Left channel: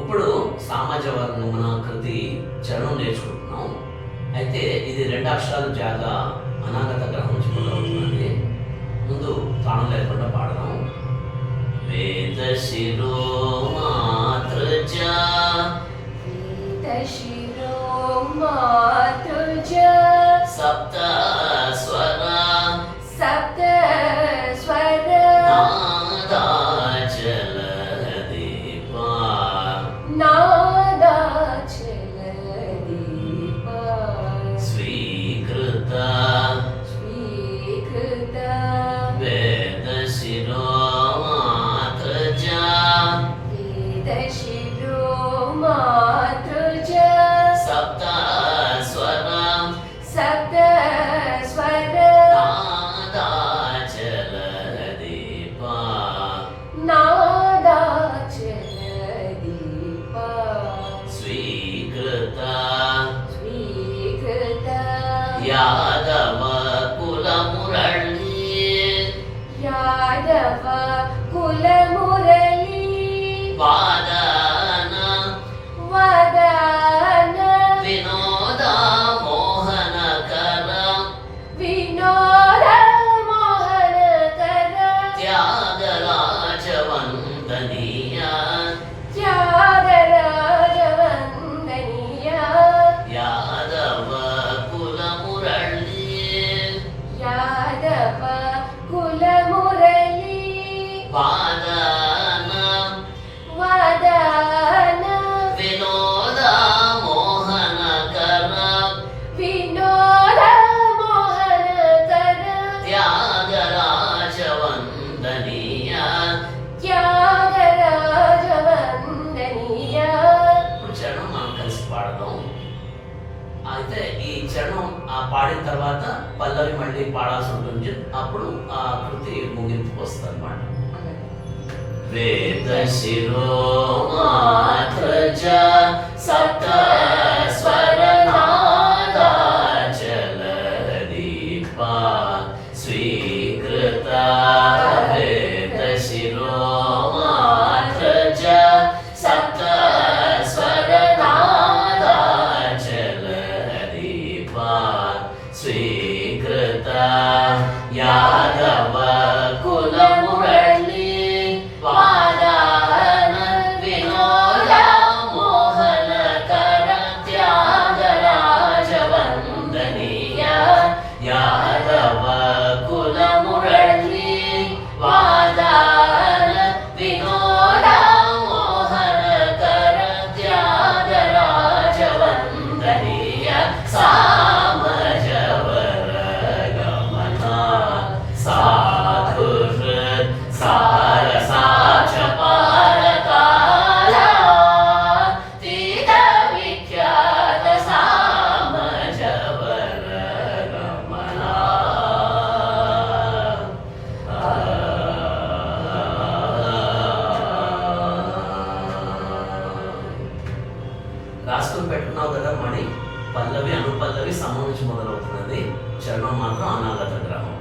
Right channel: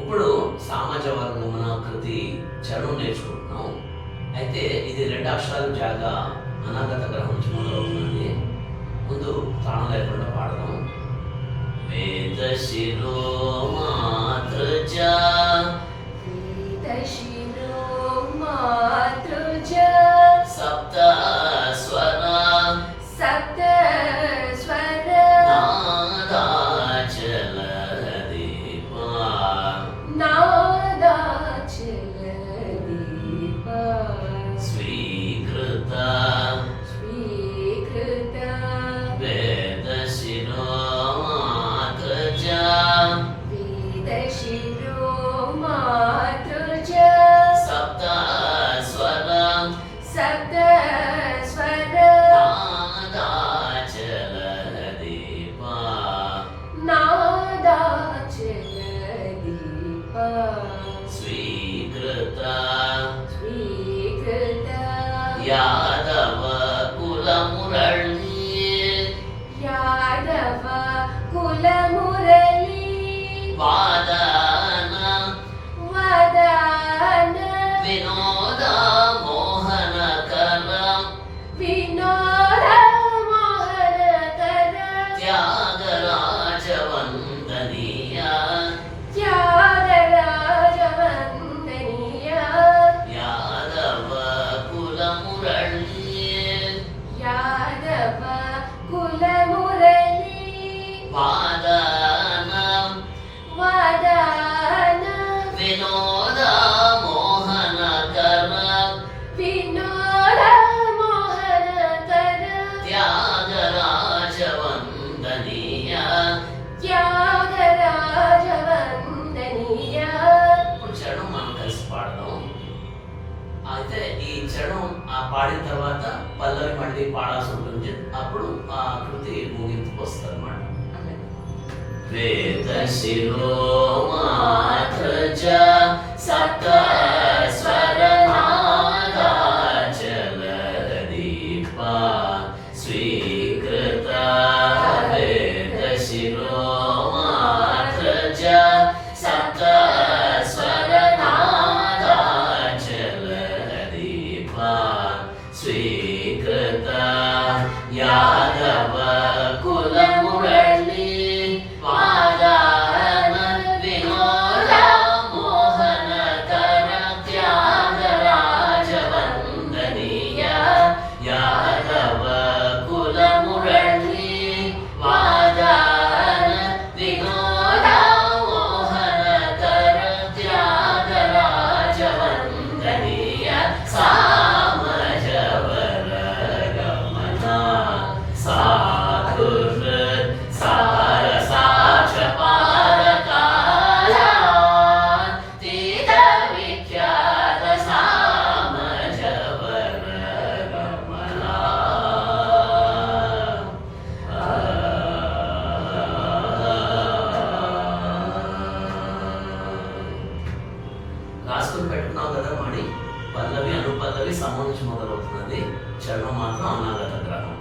ఇప్పుడు సామాజ వర్గమున కృతి చరణం నేర్చుకుంటున్నాం. అయితే ఇది 2 అక్షరాలు జాగా అనాగత గ్రహం నుంచి మొదలవుతుంది. ముందు తాళం లేకుండా పాడదాం. వేద శిరో మాతృజ సప్త స్వర నాదాచల దీప స్వీకృత వేద శిరో మాతృజ సప్త స్వర నాదాచల దీప స్వీకృత యాదవ కుల మురళి వాదన వినోద మోహనకర త్యాగరాజవందనీయ యాదవ కుల మురళి వాదన వినోద మోహనకర త్యాగరాజవందనీయ. ఇప్పుడు చరణం మనం కలిసి పాడదాం. అయితే ఈ చరణం పాడిన తర్వాత పల్లవి మళ్ళీ పాడాల్సి ఉంటుంది. అప్పుడు ఆ కృతి ముగింపుకు వస్తుంది అన్నమాట. వేద శిరో మాతృజ సప్త స్వర నాదాచల దీప స్వీకృత వేద శిరో మాతృజ సప్త స్వర నాదాచల దీప స్వీకృత యాదవ కుల మురళి వాదన వినోద మోహనకర త్యాగరాజవందనీయ యాదవ కుల మురళి వాదన వినోద మోహనకర త్యాగరాజవందనీయ సామజవర గమన సాధుర్ సారసాచ పారకాలాతీత విఖ్యాత సామజవర గమన. రాసుకుని పెట్టుకున్నావు కదా మణి. పల్లవి అనుపల్లవి సమం నుంచి మొదలవుతున్నది. చరణం మాత్రం అనాగత గ్రహం.